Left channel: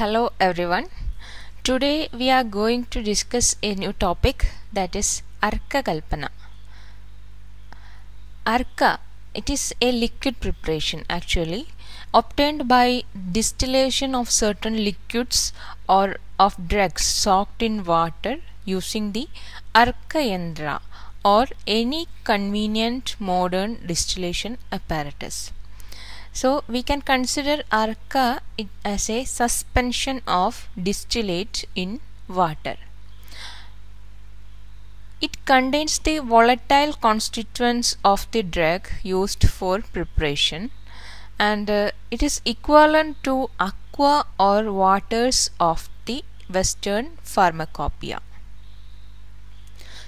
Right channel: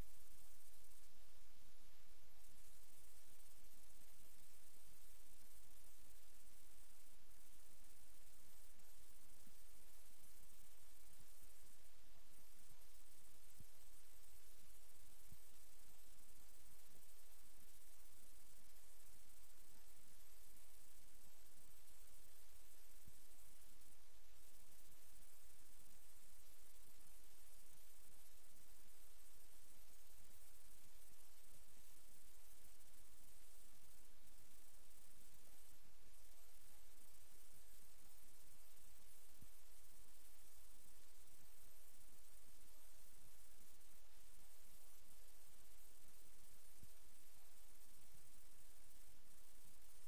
Hello everyone. Today we are going to discuss a new topic, that is Arka Kalpana. Arka, it is a liquid preparation actually obtained by distillation of certain liquids or of drugs soaked in water using the Arka Yandra or any convenient modern distillation apparatus. So we can consider Arka as a suspension of distillate in water. It contains the volatile constituents of the drug used for preparation, and it is equivalent to aqua or waters of the Western pharmacopoeia.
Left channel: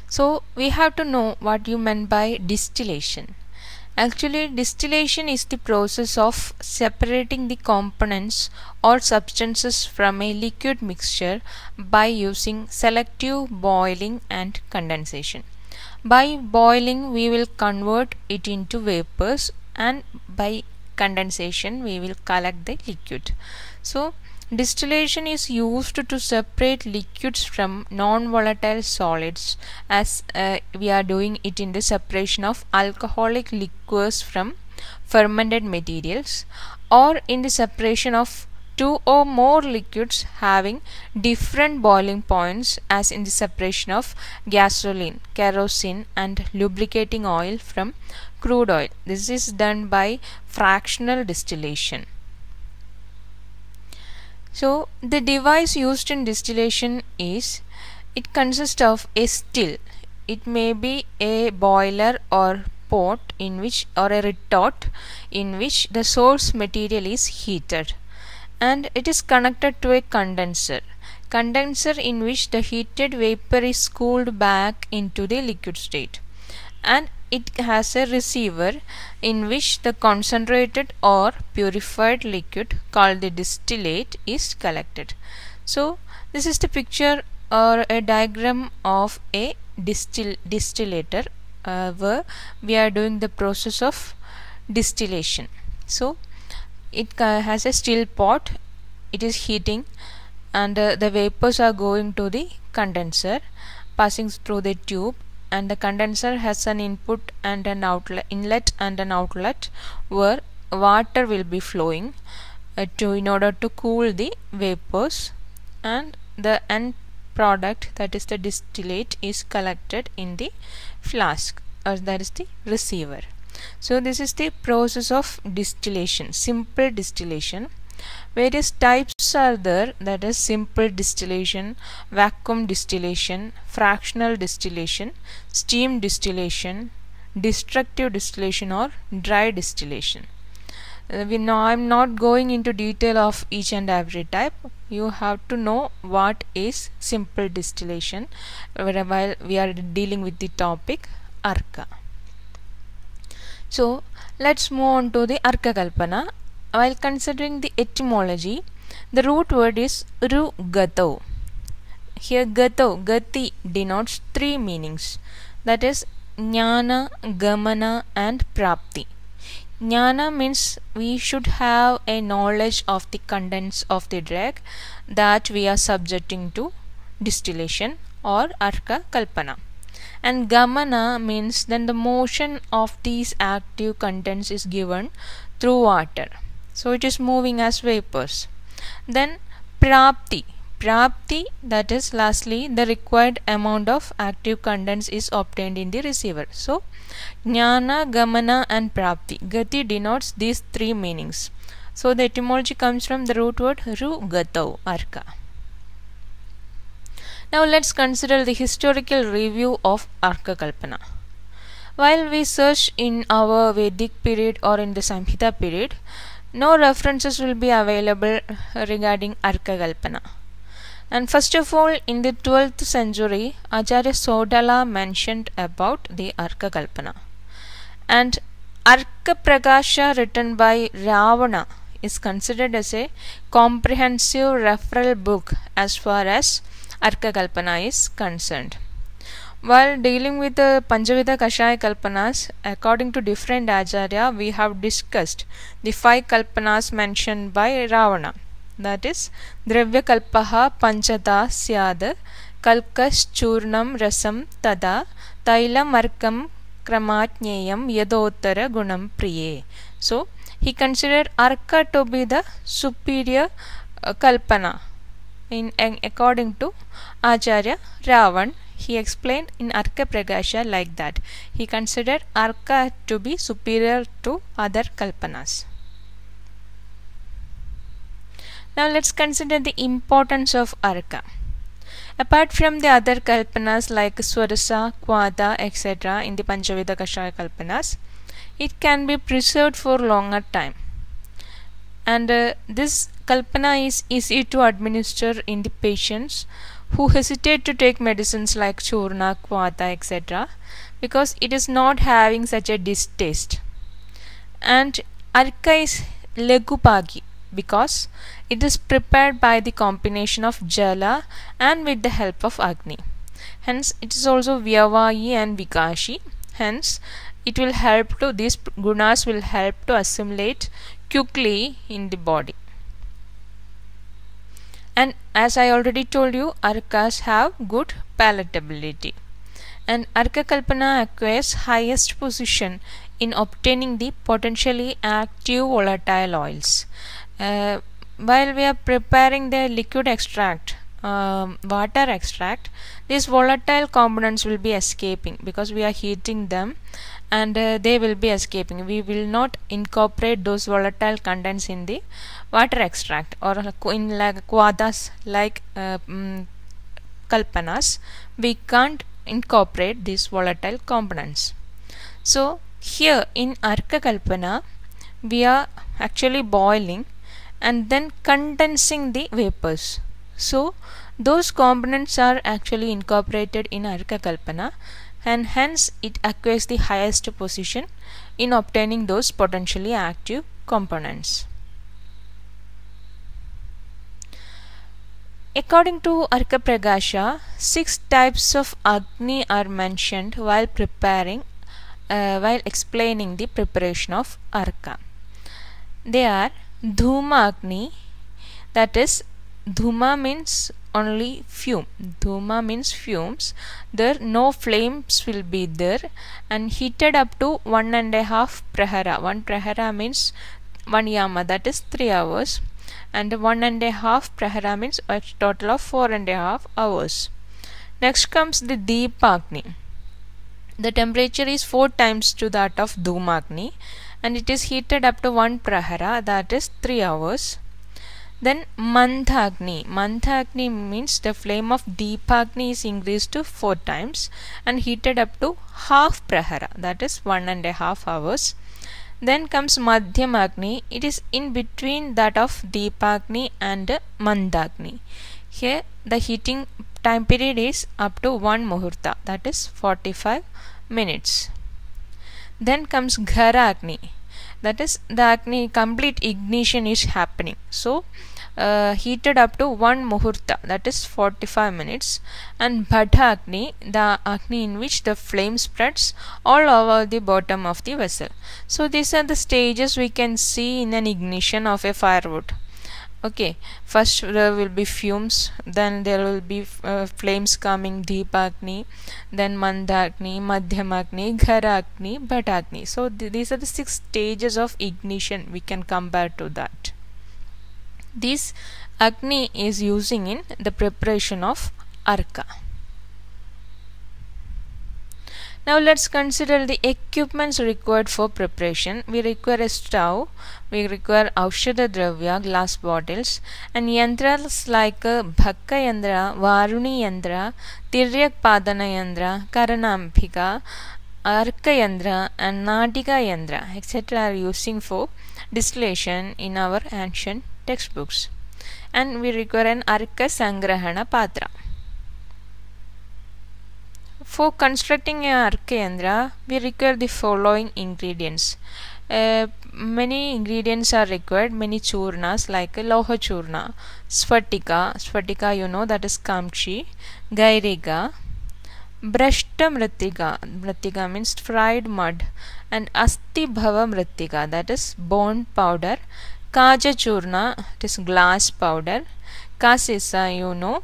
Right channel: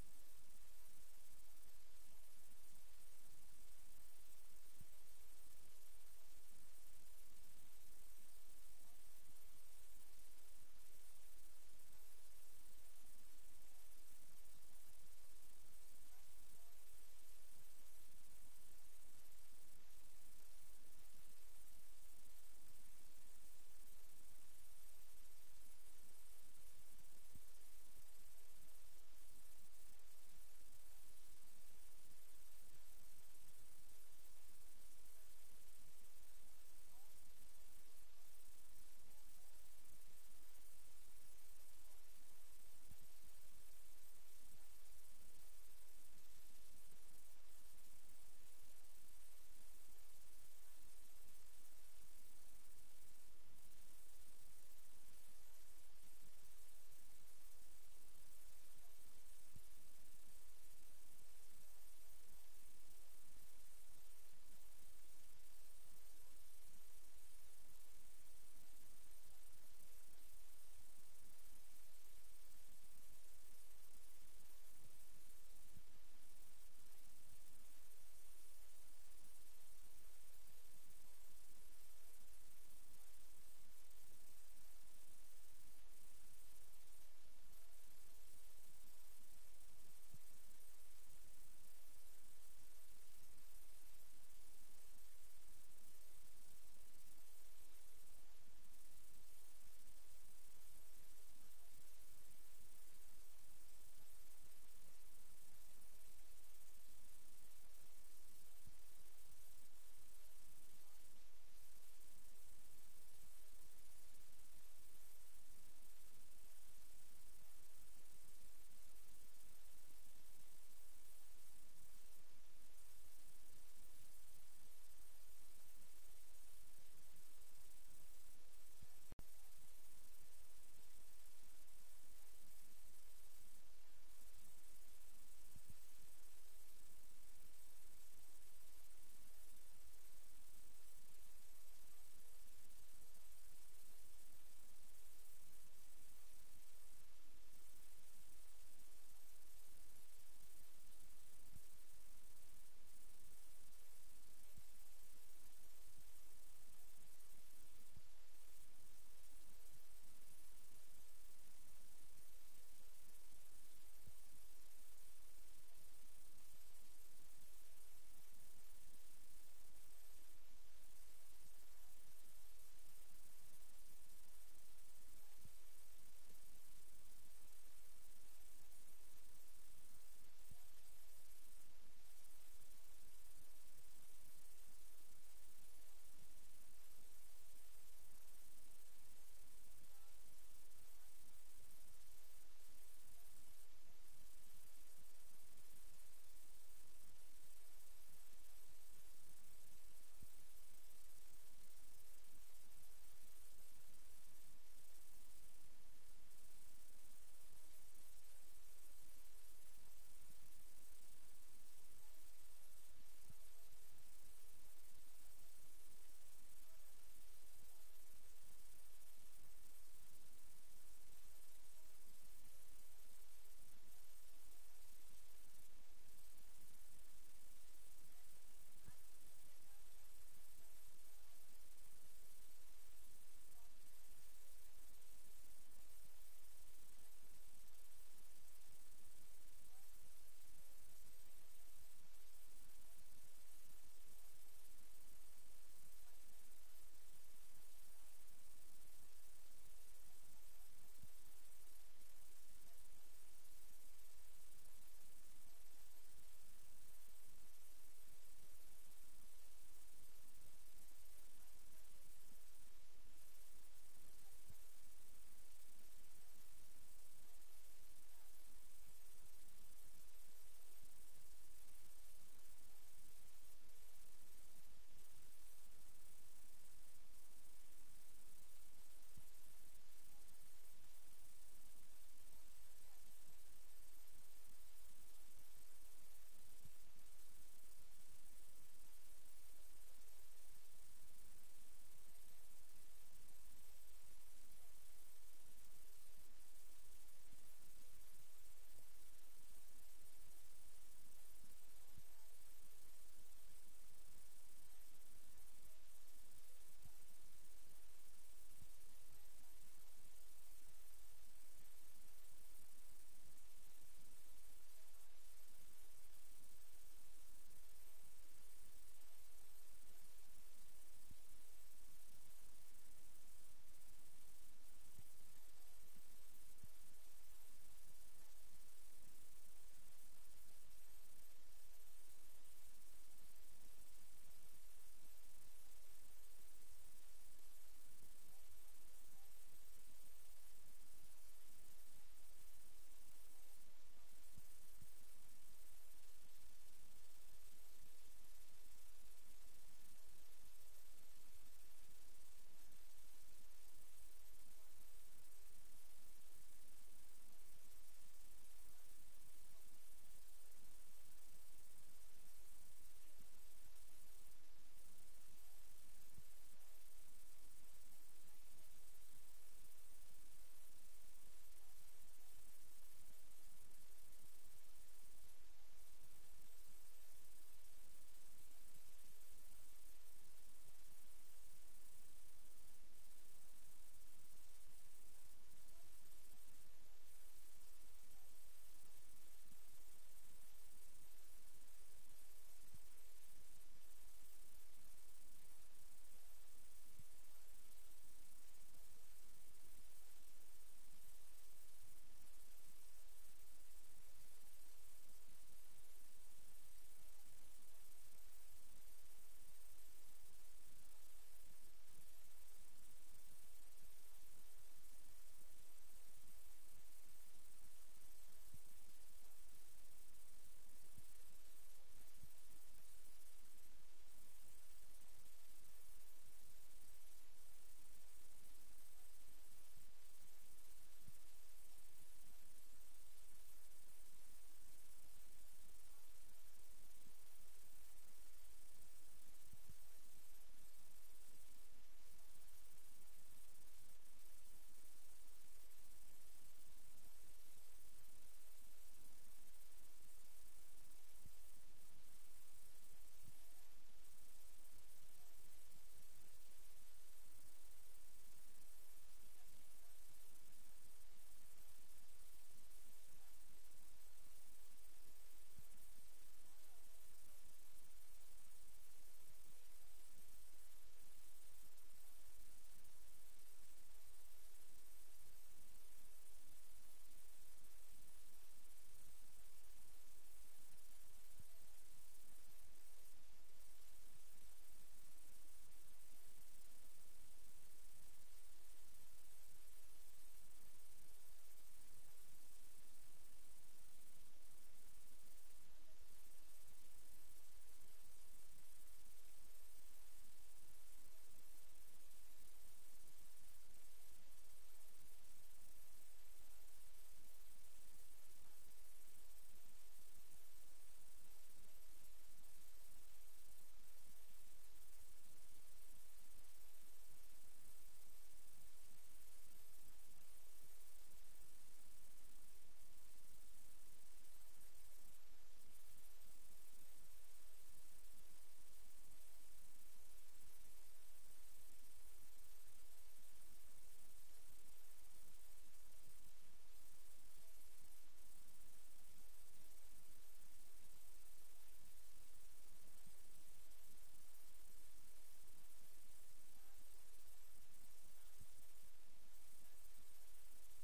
So we have to know what you meant by distillation. Actually, distillation is the process of separating the components or substances from a liquid mixture by using selective boiling and condensation. By boiling, we will convert it into vapors, and by condensation, we will collect the liquid. So, distillation is used to separate liquids from non-volatile solids, as we are doing it in the separation of alcoholic liquors from fermented materials, or in the separation of two or more liquids having different boiling points, as in the separation of gasoline, kerosene and lubricating oil from crude oil. This is done by fractional distillation. So the device used in distillation it consists of a still. It may be a boiler or pot in which, or a retort in which the source material is heated, and it is connected to a condenser in which the heated vapor is cooled back into the liquid state, and it has a receiver in which the concentrated or purified liquid called the distillate is collected. So this is the picture or a diagram of a distillator where we are doing the process of distillation. So it has a still pot, it is heating, and the vapors are going to the condenser, passing through the tube, and the condenser has an input and an outlet, inlet and an outlet, where water will be flowing in order to cool the vapors, and the end product, that is the distillate, is collected in the flask, or that is the receiver. So this is the process of distillation, simple distillation. Various types are there, that is simple distillation, vacuum distillation, fractional distillation, steam distillation, destructive distillation or dry distillation. I'm not going into detail of each and every type. You have to know what is simple distillation while we are dealing with the topic Arka. So let's move on to the Arka Kalpana. While considering the etymology, the root word is ru gato. Here gati denotes three meanings, that is jnana, gamana and prapti. Jnana means we should have a knowledge of the contents of the drug that we are subjecting to distillation or Arka Kalpana. And gamana means then the motion of these active contents is given through water. So it is moving as vapors. Then prapti, that is lastly the required amount of active contents is obtained in the receiver. So jnana, gamana and prapti. Gati denotes these three meanings. So the etymology comes from the root word ru gato, Arka. Now let's consider the historical review of Arka Kalpana. While we search in our Vedic period or in the Samhita period, no references will be available regarding Arka Kalpana. And first of all, in the 12th century, Acharya Sodala mentioned about the Arka Kalpana. And Arka Prakasha, written by Ravana, is considered as a comprehensive referral book as far as Arka Kalpana is concerned. While dealing with the Panchavidha Kashaya Kalpanas, according to different Acharya, we have discussed the 5 Kalpanas mentioned by Ravana. that is Dravya Kalpaha Panchata Syad Kalkaschurnam Rasam Tada Tailam Arkam Kramatnyayam Yadottara Gunam Priye. So he considered Arka to be the superior Kalpana according to Acharya Ravan. He explained in Arka Pragasha like that. He considered Arka to be superior to other Kalpanas. Now let's consider the importance of Arka. Apart from the other Kalpanas like Swarasa, Kvada, etc. in the Panchavida Kashaya Kalpanas, it can be preserved for longer time. And this Kalpana is easy to administer in the patients who hesitate to take medicines like Churna, Kvata, etc. because it is not having such a distaste. And Arka is Legupagi because it is prepared by the combination of Jala and with the help of Agni. Hence it is also Vyavayi and Vikashi. Hence it will help to, these gunas will help to assimilate quickly in the body. And as I already told you, Arkas have good palatability. And Arka Kalpana acquires highest position in obtaining the potentially active volatile oils. While we are preparing the liquid extract, water extract, these volatile components will be escaping because we are heating them, and they will be escaping. We will not incorporate those volatile contents in the water extract or in like Kvadas like Kalpanas. We can't incorporate these volatile components. So here in Arka Kalpana we are actually boiling and then condensing the vapors. So those components are actually incorporated in Arka Kalpana, and hence it acquires the highest position in obtaining those potentially active components. According to Arka Pragasha, 6 types of Agni are mentioned while explaining the preparation of Arka. They are Dhuma Agni, that is Dhuma means only fume. Dhuma means fumes. There no flames will be there, and heated up to 1.5 prahara. 1 prahara means 1 yama, that is 3 hours, and 1.5 prahara means a total of 4.5 hours. Next comes the Deepagni. The temperature is 4 times to that of Dhumagni, and it is heated up to 1 prahara, that is 3 hours. Then Mandhagni. Mandhagni means the flame of Deepagni is increased to 4 times and heated up to half prahara, that is 1.5 hours. Then comes Madhyamagni. It is in between that of Deepagni and Mandagni. Here the heating time period is up to 1 muhurta, that is 45 minutes. Then comes Gharagni. That is the Agni complete ignition is happening. So heated up to 1 muhurta, that is 45 minutes. And Bhadagni, the Agni in which the flame spreads all over the bottom of the vessel. So these are the stages we can see in an ignition of a firewood. Okay, first there will be fumes, then there will be flames coming, Deepagni, then Mandagni, Madhyamagni, Gharagni, Bhadagni. So these are the 6 stages of ignition we can compare to that. This Agni is using in the preparation of Arka. Now let's consider the equipments required for preparation. We require a stove, we require Aushadha Dravya, glass bottles, and yantras like Bhakka Yandra, Varuni Yandra, Tiryak Padana Yandra, Karanambhika, Arka Yandra, and Natika Yandra, etc. are using for distillation in our ancient textbooks. And we require an Arka Sangrahana Patra. For constructing an Arka Yandra, we require the following ingredients. Many ingredients are required, many churnas like Loha Churna, Sfatika you know, that is Kamchi, Gairiga, Brashta Mritika means fried mud, and Asti Bhava Mritika, that is bone powder, Kaja Churna, it is glass powder. Kasisa, you know.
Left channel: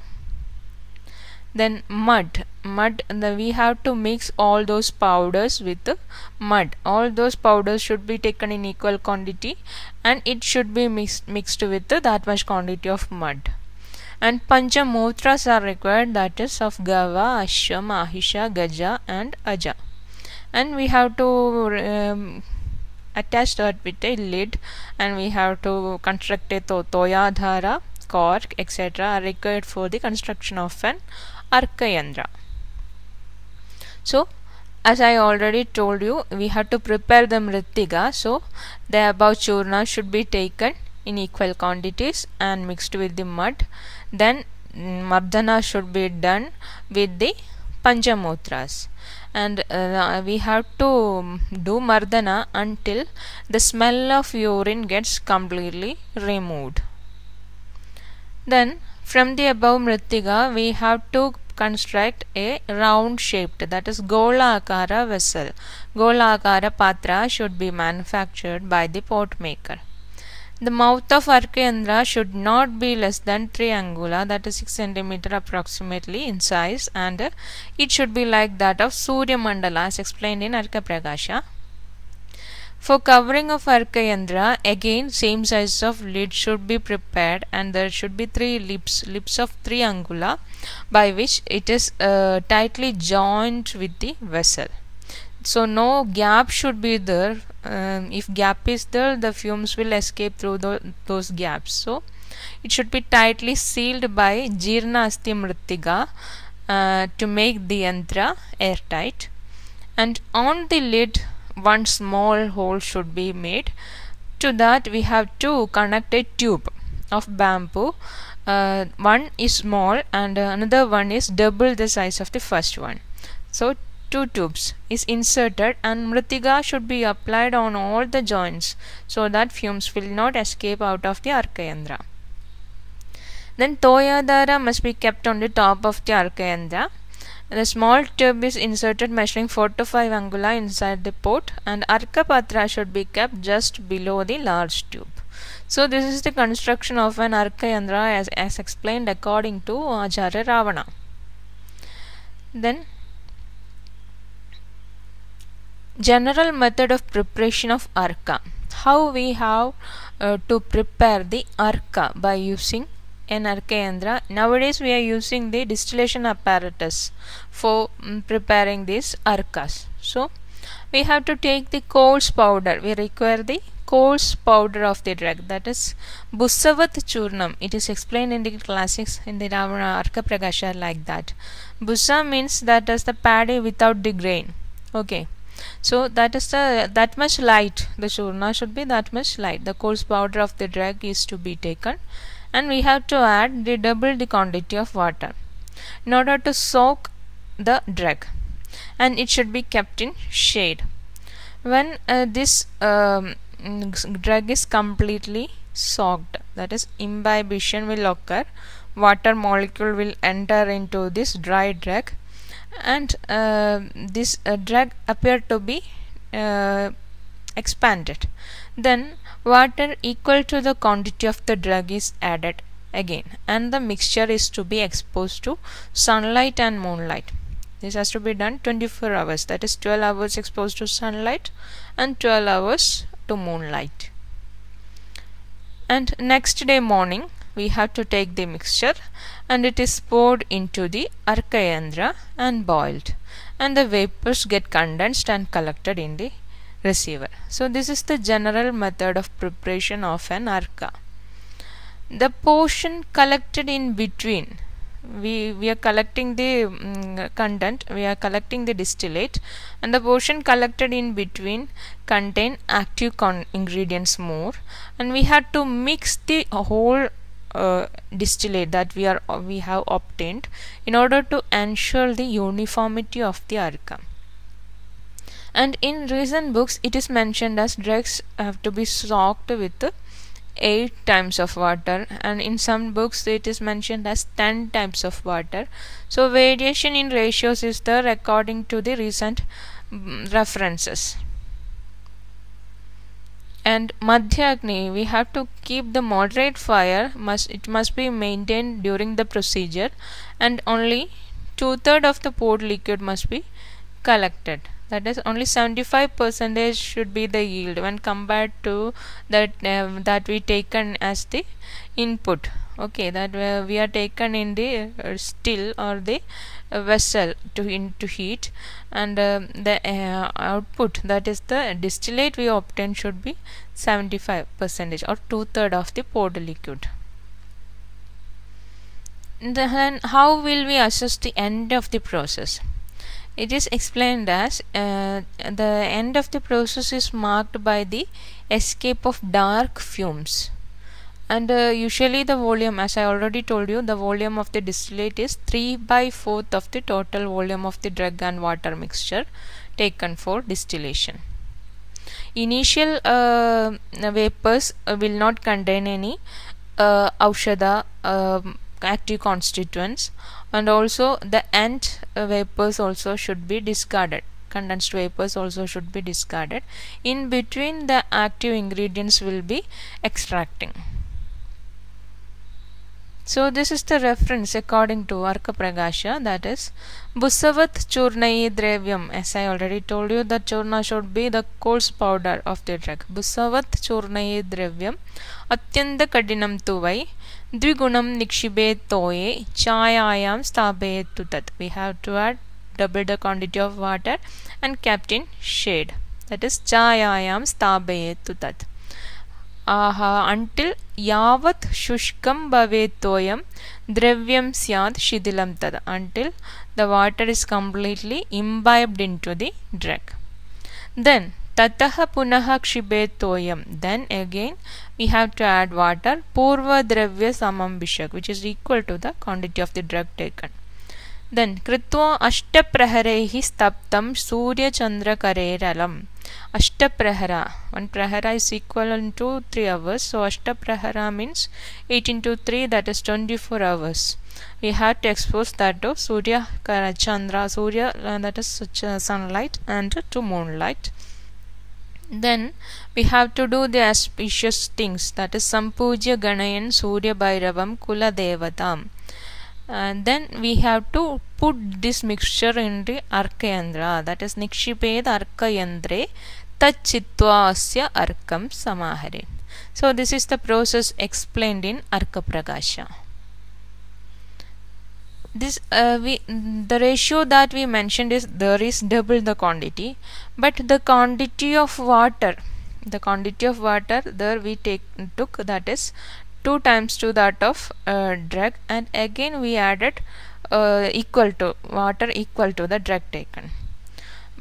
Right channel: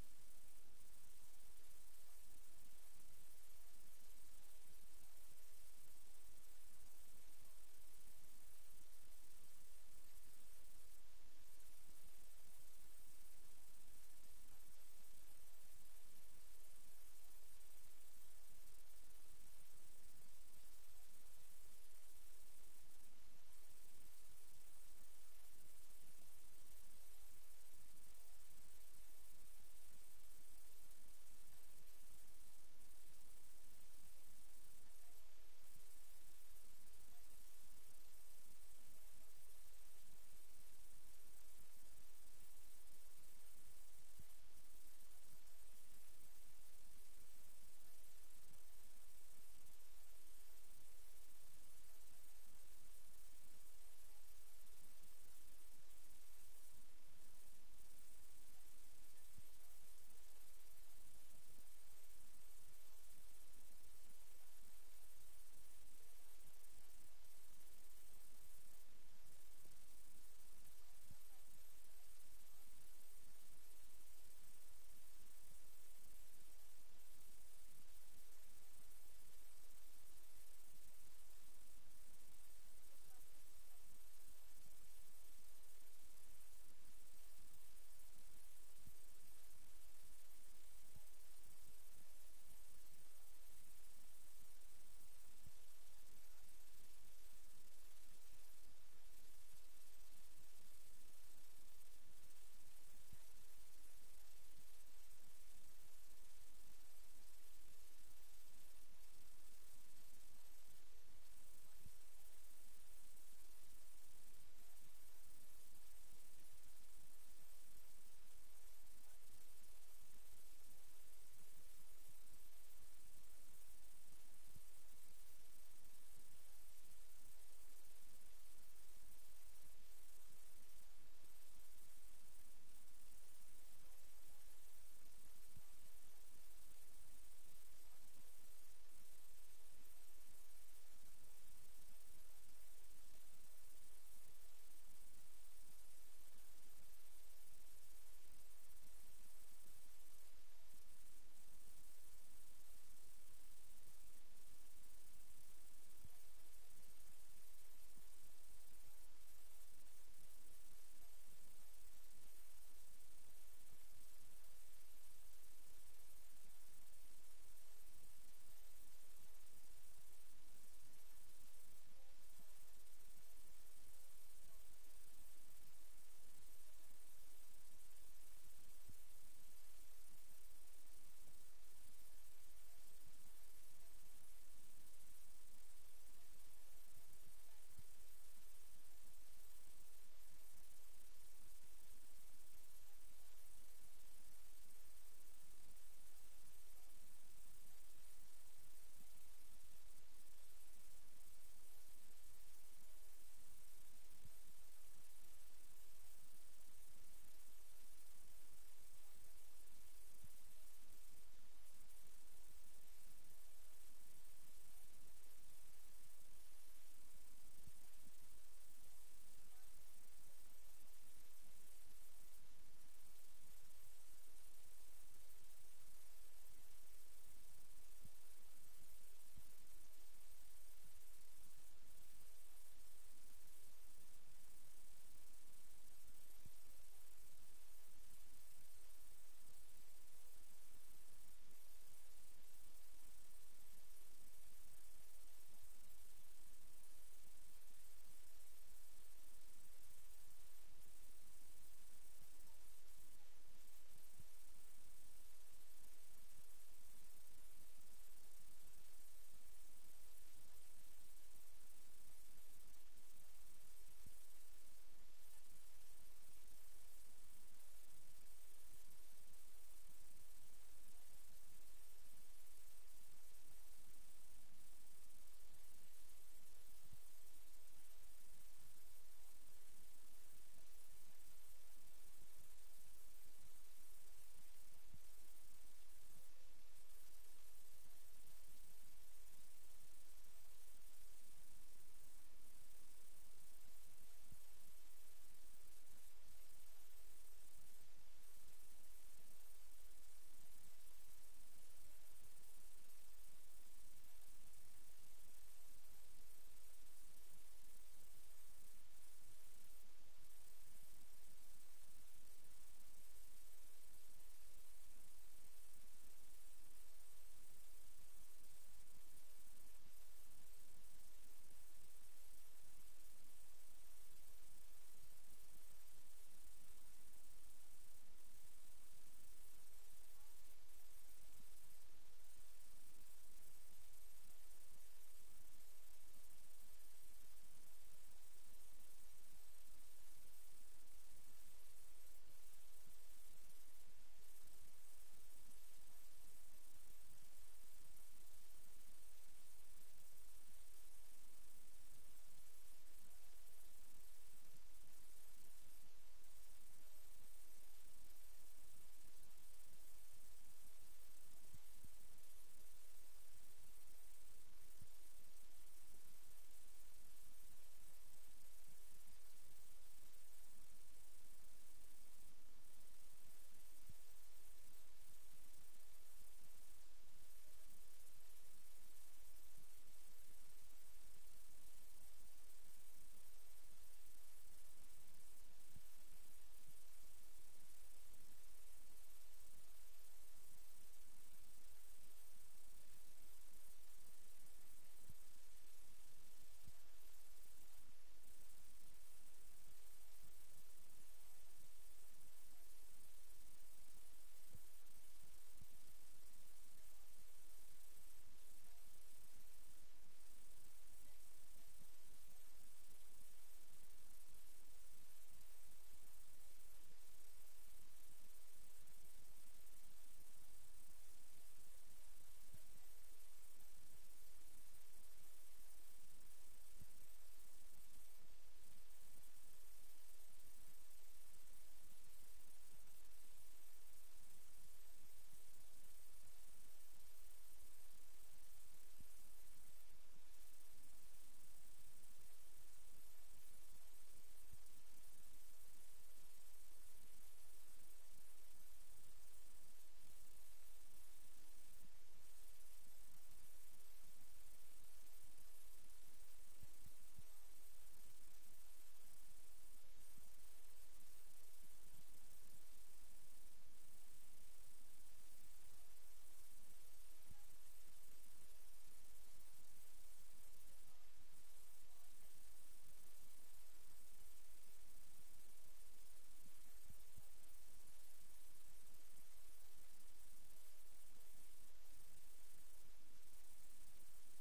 Then mud, we have to mix all those powders with the mud. All those powders should be taken in equal quantity, and it should be mixed with that much quantity of mud. And Panchamutras are required, that is of Gava, Ashwa, Mahisha, Gaja and Aja. And we have to attach that with a lid, and we have to construct a Toyadhara, cork, etc. are required for the construction of an Arka Yandra. So, as I already told you, we have to prepare the Mrittiga. So, the above churna should be taken in equal quantities and mixed with the mud. Then Mardana should be done with the Panchamutras. And we have to do Mardana until the smell of urine gets completely removed. Then from the above Mrittiga, we have to construct a round shaped, that is Gola Akara vessel. Gola Akara Patra should be manufactured by the pot maker. The mouth of Arka Yandra should not be less than 3 angula, that is 6 cm approximately in size, and it should be like that of Surya Mandala as explained in Arka Prakasha. For covering of Arka Yandra, again same size of lid should be prepared, and there should be 3 lips of 3 angula, by which it is tightly joined with the vessel. So no gap should be there. If gap is there, the fumes will escape through those gaps. So it should be tightly sealed by Jirna Asti Mrittiga to make the yantra airtight. And on the lid, one small hole should be made. To that we have to connect a tube of bamboo. One is small and another one is double the size of the first one. So 2 tubes is inserted, and Mrittiga should be applied on all the joints so that fumes will not escape out of the Arka Yandra. Then Toyadhara must be kept on the top of the Arka Yandra. The small tube is inserted measuring 4 to 5 angula inside the pot, and Arka Patra should be kept just below the large tube. So this is the construction of an Arka Yandra as explained according to Acharya Ravana. Then general method of preparation of Arka. How we have to prepare the Arka by using an Arka Yandra. Nowadays we are using the distillation apparatus for preparing these Arkas. So we have to take the coarse powder. We require the coarse powder of the drug, that is Busavat Churnam. It is explained in the classics in the Ravana Arka Prakasha like that. Busa means that is the paddy without the grain. Okay. So that is that much light. The churna should be that much light. The coarse powder of the drug is to be taken, and we have to add double the quantity of water in order to soak the drug, and it should be kept in shade. When this drug is completely soaked, that is imbibition will occur, water molecule will enter into this dry drug, and this drug appear to be expanded. Then water equal to the quantity of the drug is added again, and the mixture is to be exposed to sunlight and moonlight. This has to be done 24 hours, that is 12 hours exposed to sunlight and 12 hours to moonlight. And next day morning we have to take the mixture, and it is poured into the Arka Yandra and boiled, and the vapors get condensed and collected in the receiver. So this is the general method of preparation of an Arka. The portion collected in between, we are collecting the content, we are collecting the distillate, and the portion collected in between contain active ingredients more, and we have to mix the whole distillate that we have obtained in order to ensure the uniformity of the Arka. And in recent books it is mentioned as drugs have to be soaked with 8 times of water, and in some books it is mentioned as 10 times of water. So variation in ratios is there according to the recent references. And Madhya Agni, we have to keep the moderate fire, it must be maintained during the procedure, and only 2/3 of the poured liquid must be collected. That is, only 75% should be the yield when compared to that we taken as the input. Okay, that we are taken in the still or the vessel to heat, and the output, that is the distillate we obtain, should be 75% or 2/3 of the poured liquid. Then how will we assess the end of the process? It is explained as the end of the process is marked by the escape of dark fumes, and usually the volume, as I already told you, the volume of the distillate is 3/4 of the total volume of the drug and water mixture taken for distillation. Initial vapors will not contain any aushadha active constituents, and also the end vapors also should be discarded. Condensed vapors also should be discarded. In between, the active ingredients will be extracting. So this is the reference according to Arka Pragasha, that is Busavat Churnayi Dravyam. As I already told you, the churna should be the coarse powder of the drug. Busavat Churnayi Dravyam Atyanda Kadinam Tuvai Dvigunam Nikshibet Toye Chayayam Stabet Tutat. We have to add double the quantity of water and kept in shade. That is Chayayam Stabet Tutat. Until yavat shushkam bhavet toyam dravyam syad shidilam tad, until the water is completely imbibed into the drug. Then tataha punaha kshibet toyam, then again we have to add water purva dravya samam bishak, which is equal to the quantity of the drug taken. Then kritva ashtapraharehi staptam surya chandra kareralam. Ashtaprahara, one prahara is equivalent to 3 hours, so ashtaprahara means 8 into 3, that is 24 hours. We have to expose that to Surya Chandra, Surya, that is sunlight, and to moonlight. Then we have to do the auspicious things, that is Sampujya Ganayan Surya Bhairavam Kula Devatam. And then we have to put this mixture in the Arkayandra, that is Nikshiped Arkayandre Tachitva Asya Arkam Samahare. So this is the process explained in Arka Pragasha. This the ratio that we mentioned is there is double the quantity, but the quantity of water there we took, that is 2 times to that of drug, and again we added equal to water equal to the drug taken.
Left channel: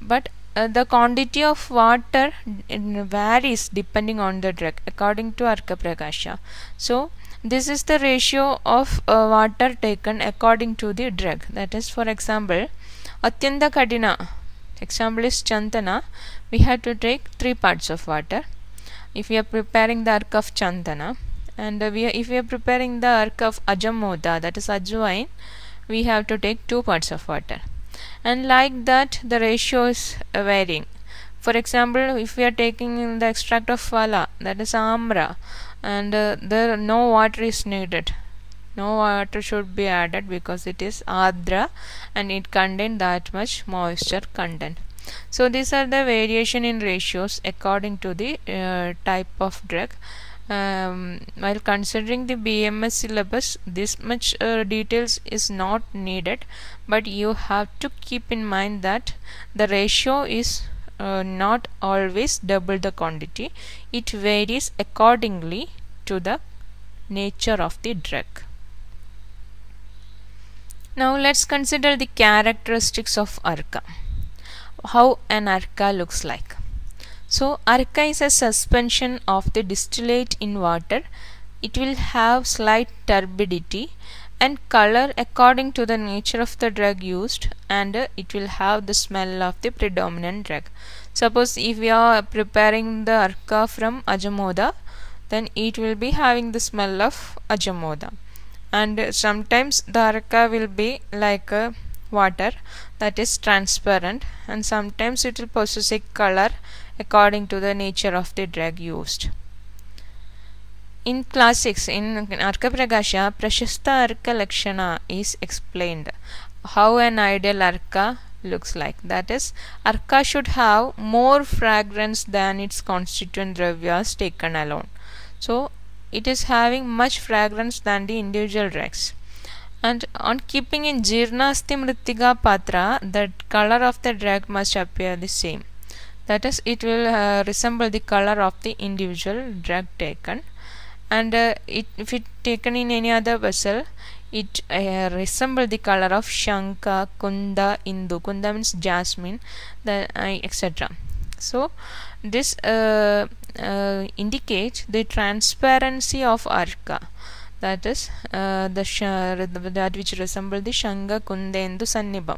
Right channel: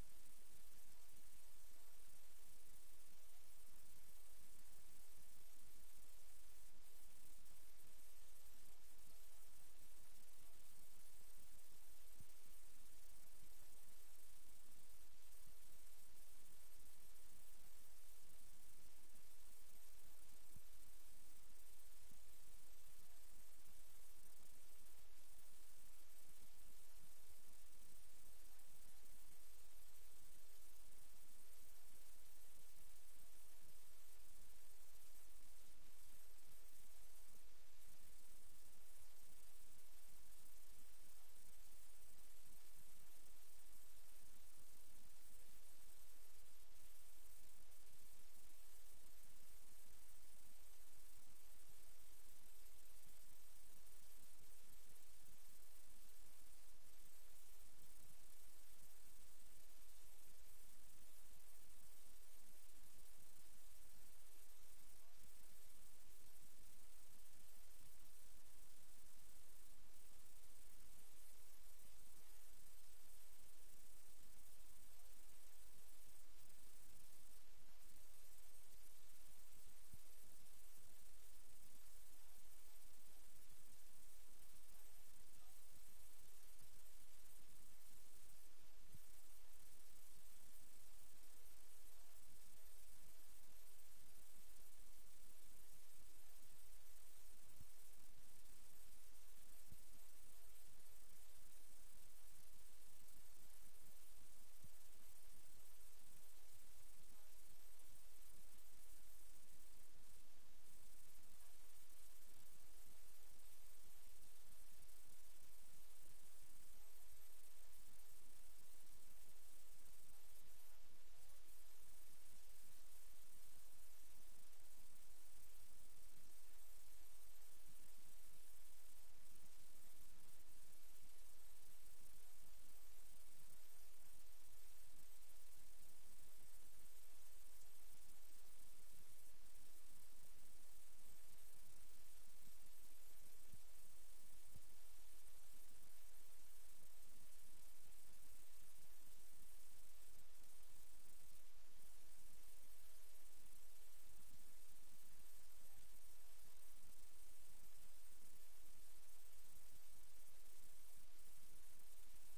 But the quantity of water varies depending on the drug according to Arka Prakasha. So this is the ratio of water taken according to the drug. That is, for example, Atyanda Kadina, example is Chandana, we have to take 3 parts of water. If we are preparing the ark of Chandana, and if we are preparing the ark of Ajamoda, that is Ajwain, we have to take 2 parts of water. And like that, the ratio is varying. For example, if we are taking the extract of Phala, that is Amra, and there no water is needed, no water should be added because it is Adra and it contains that much moisture content. So these are the variation in ratios according to the type of drug. While considering the BMS syllabus, this much details is not needed, but you have to keep in mind that the ratio is not always double the quantity. It varies accordingly to the nature of the drug. Now let's consider the characteristics of Arka. How an Arka looks like. So Arka is a suspension of the distillate in water. It will have slight turbidity and color according to the nature of the drug used, and it will have the smell of the predominant drug. Suppose if we are preparing the Arka from Ajamoda, then it will be having the smell of Ajamoda. And sometimes the Arka will be like water that is transparent, and sometimes it will possess a color according to the nature of the drug used. In class 6, in Arka Prakasha, Prashasta Arka Lakshana is explained. How an ideal Arka looks like. That is, Arka should have more fragrance than its constituent dravyas taken alone. So, it is having much fragrance than the individual drugs. And on keeping in Jirnasti Mrittika Patra, the color of the drug must appear the same. That is, it will resemble the color of the individual drug taken. And if it taken in any other vessel, it resemble the color of Shanka, Kunda, Indu. Kunda means jasmine, etc. So this indicates the transparency of Arka. That is that which resemble the Shanga, Kunda, Indu, Sannibam.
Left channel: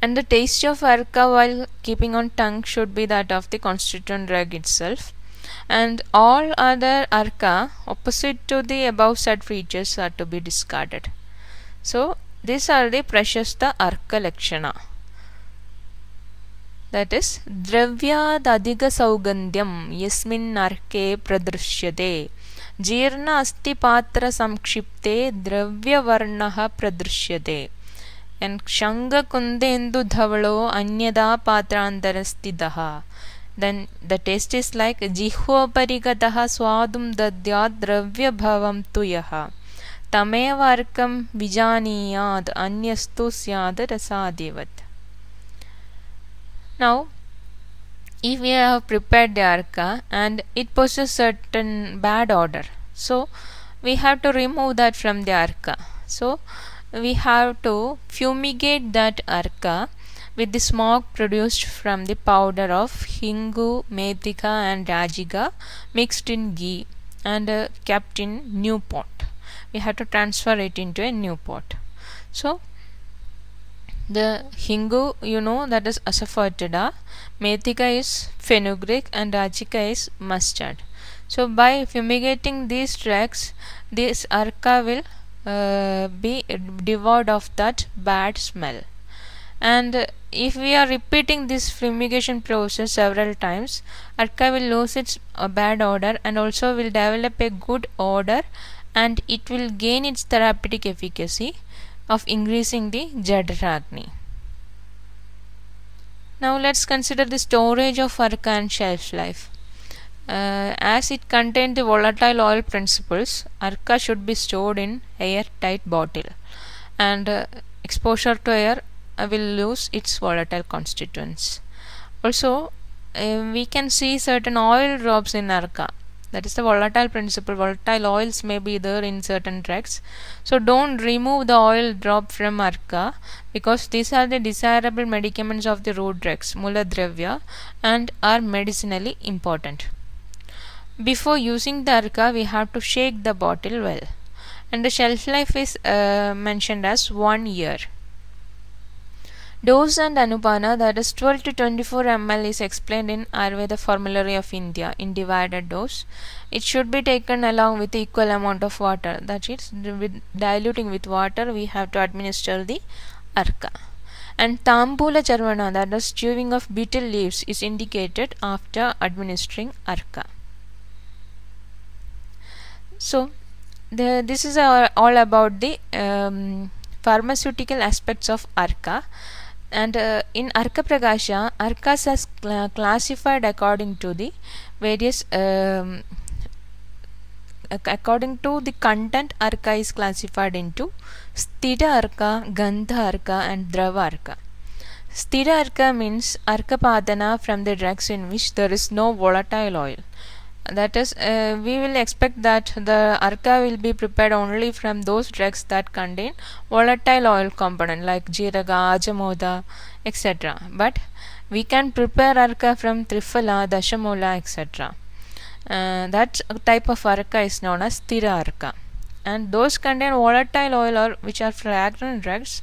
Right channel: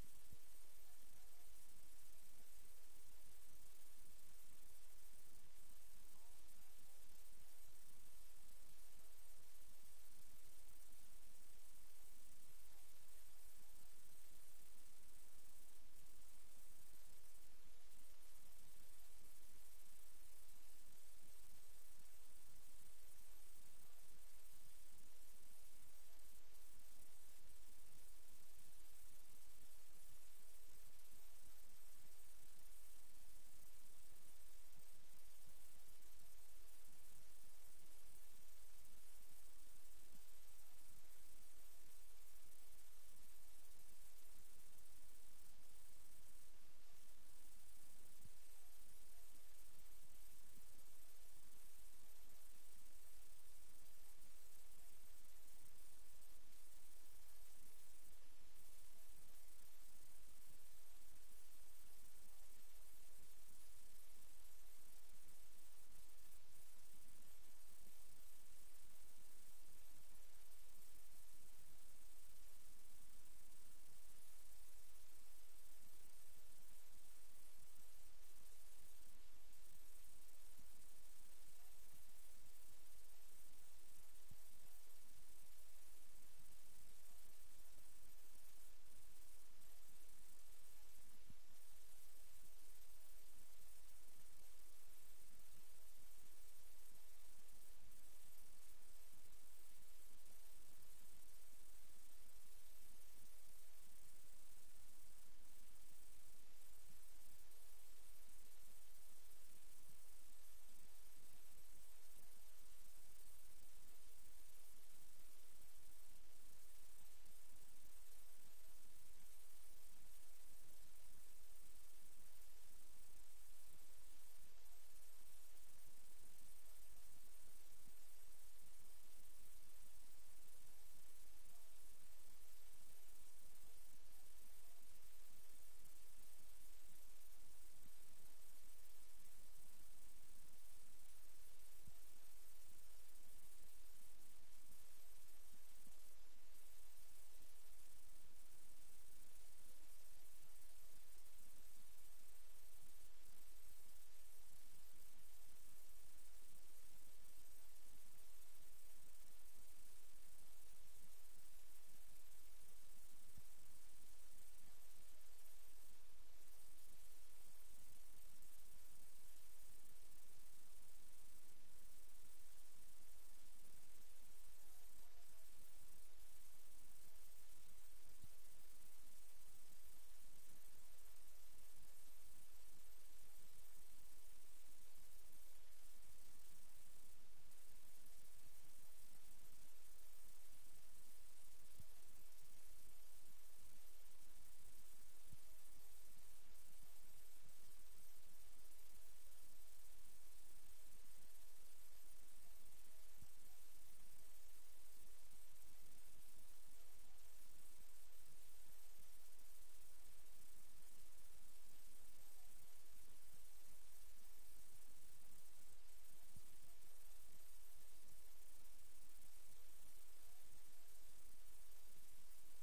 And the taste of Arka while keeping on tongue should be that of the constituent drug itself. And all other Arka opposite to the above said features are to be discarded. So these are the Prashasta Arka Lakshana. That is, Dravyad Adhiga Saugandhyam Yasmin Arke Pradrishyate Jirna Asti Patra Samkshipte Dravya Varnaha Pradrishyate. And Shanga Kundendu Dhavalo Anyada Patrandarasthidaha. Then the taste is like Jihva Parigataha Swadum Dadyad Dravya Bhavam Tuyaha Tameva Arkam Vijaniyad Anyastu Syad Rasadivat. Now, if we have prepared the Arka and it possesses certain bad odor, so we have to remove that from the Arka. So we have to fumigate that Arka with the smoke produced from the powder of Hingu, Methika and Rajiga mixed in ghee and kept in new pot. We have to transfer it into a new pot. So the Hingu, you know, that is asafoetida, Methika is fenugreek and Rajika is mustard. So by fumigating these drugs, this Arka will be devoid of that bad smell. And if we are repeating this fumigation process several times, Arka will lose its bad odor and also will develop a good odor, and it will gain its therapeutic efficacy of increasing the Jadaragni. Now let's consider the storage of Arka and shelf life. As it contains the volatile oil principles, Arka should be stored in airtight bottle, and exposure to air will lose its volatile constituents. Also, we can see certain oil drops in Arka. That is the volatile principle. Volatile oils may be there in certain drugs. So don't remove the oil drop from Arka, because these are the desirable medicaments of the root drugs, Mula Dravya, and are medicinally important. Before using the Arka, we have to shake the bottle well. And the shelf life is mentioned as 1 year. Dose and Anupana, that is 12 to 24 ml, is explained in Ayurveda Formulary of India in divided dose. It should be taken along with equal amount of water. That is, with diluting with water, we have to administer the Arka. And Tambula Charvana, that is chewing of betel leaves, is indicated after administering Arka. So this is all about the pharmaceutical aspects of Arka. And in Arka Prakasha, Arkas are classified according to the various according to the content. Arka is classified into Sthira Arka, Gandha Arka and Drava Arka. Sthira Arka means Arka Padana from the drugs in which there is no volatile oil. That is, we will expect that the Arka will be prepared only from those drugs that contain volatile oil component like Jiraga, Ajamoda, etc. But we can prepare Arka from Triphala, Dashamola, etc. That type of Arka is known as Sthira Arka. And those contain volatile oil or which are fragrant drugs,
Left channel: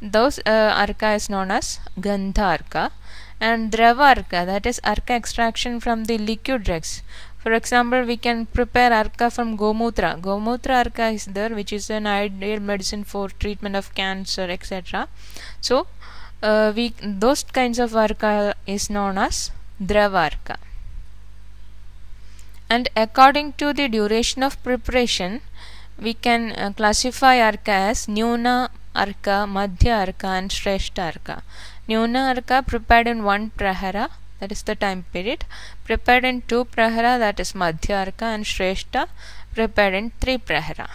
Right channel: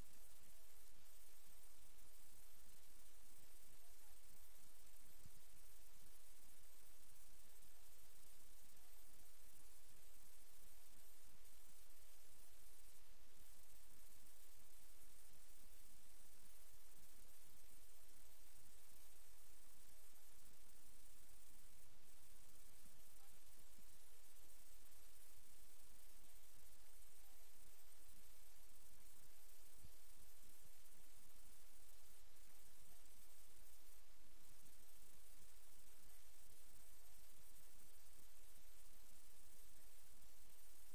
those Arka is known as Gandha Arka. And Drava Arka, that is Arka extraction from the liquid drugs. For example, we can prepare arka from gomutra. Gomutra arka is there, which is an ideal medicine for treatment of cancer, etc. So those kinds of arka is known as drava arka. And according to the duration of preparation, we can classify arka as Nyuna arka, Madhya arka and Shrestha arka. Nyuna arka prepared in 1 prahara, that is the time period, prepared in 2 prahara, that is Madhya arka, and Shrestha prepared in 3 prahara.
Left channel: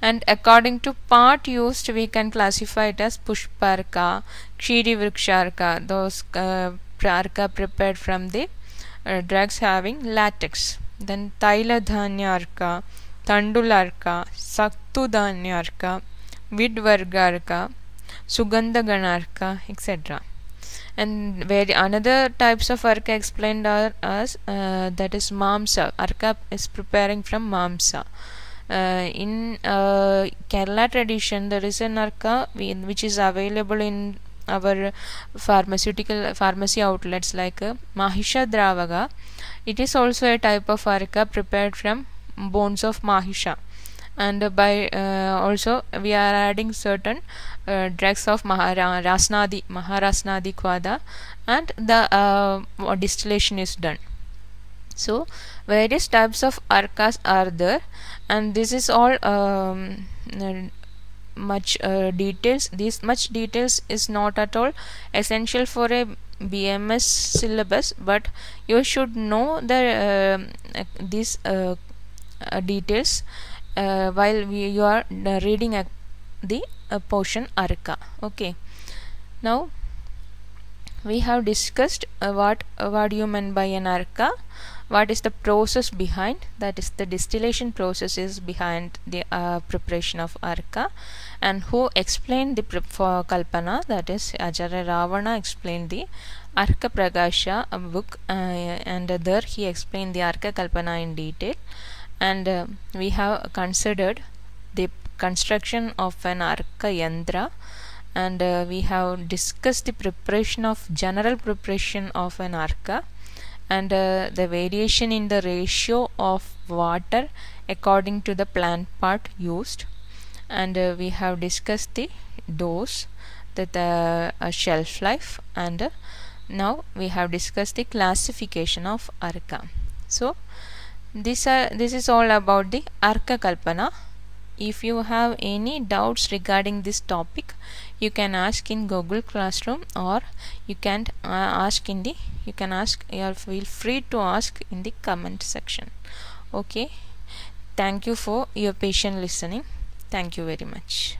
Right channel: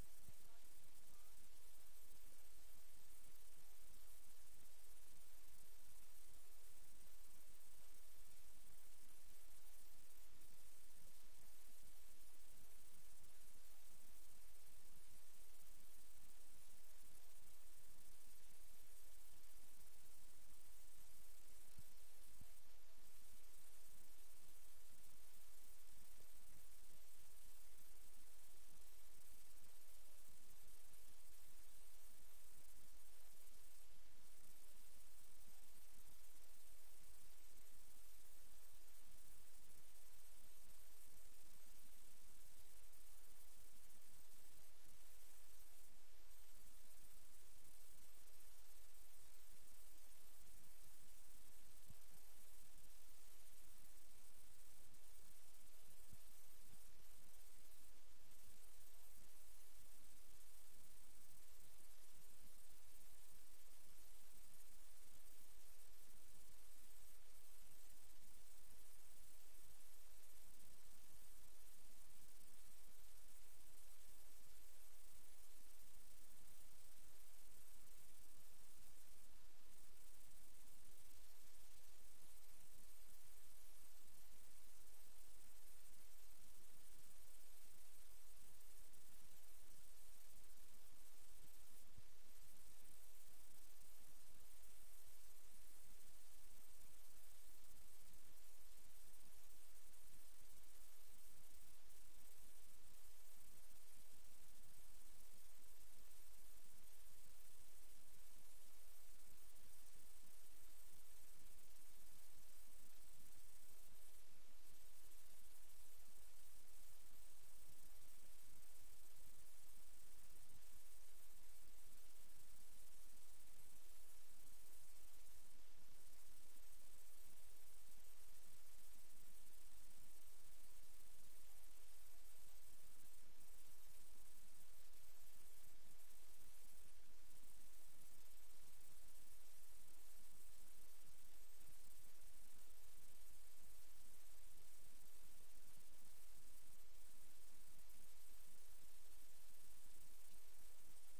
And according to part used, we can classify it as Pushpa arka, Kshiri Vriksha arka, those arka prepared from the drugs having latex. Then Taila Dhanya arka, Tandula arka, Saktu Dhanya arka, Vidvarga arka, Sugandha Ganarka, etc. And where another types of arka explained are as that is Mamsa. Arka is preparing from Mamsa. In Kerala tradition, there is an arka which is available in our pharmacy outlets like Mahisha Dravaga. It is also a type of arka prepared from bones of Mahisha, and by also we are adding certain drugs of Maharasnadi Kwada, and the distillation is done. So various types of arkas are there, and this is all much details. This much details is not at all essential for a BMS syllabus, but you should know the these details while you are reading the portion arka. Okay, now we have discussed what do you mean by an arka, what is the process behind, that is the distillation process is behind the preparation of arka, and who explained the kalpana, that is Acharya Ravana explained the Arka Prakasha book, and there he explained the arka kalpana in detail. And we have considered the construction of an arka yantra, and we have discussed the general preparation of an arka, and the variation in the ratio of water according to the plant part used, and we have discussed the dose, the shelf life, and now we have discussed the classification of arka. So this is all about the arka kalpana. If you have any doubts regarding this topic, you can ask in Google Classroom, or you can feel free to ask in the comment section. Okay, thank you for your patient listening. Thank you very much.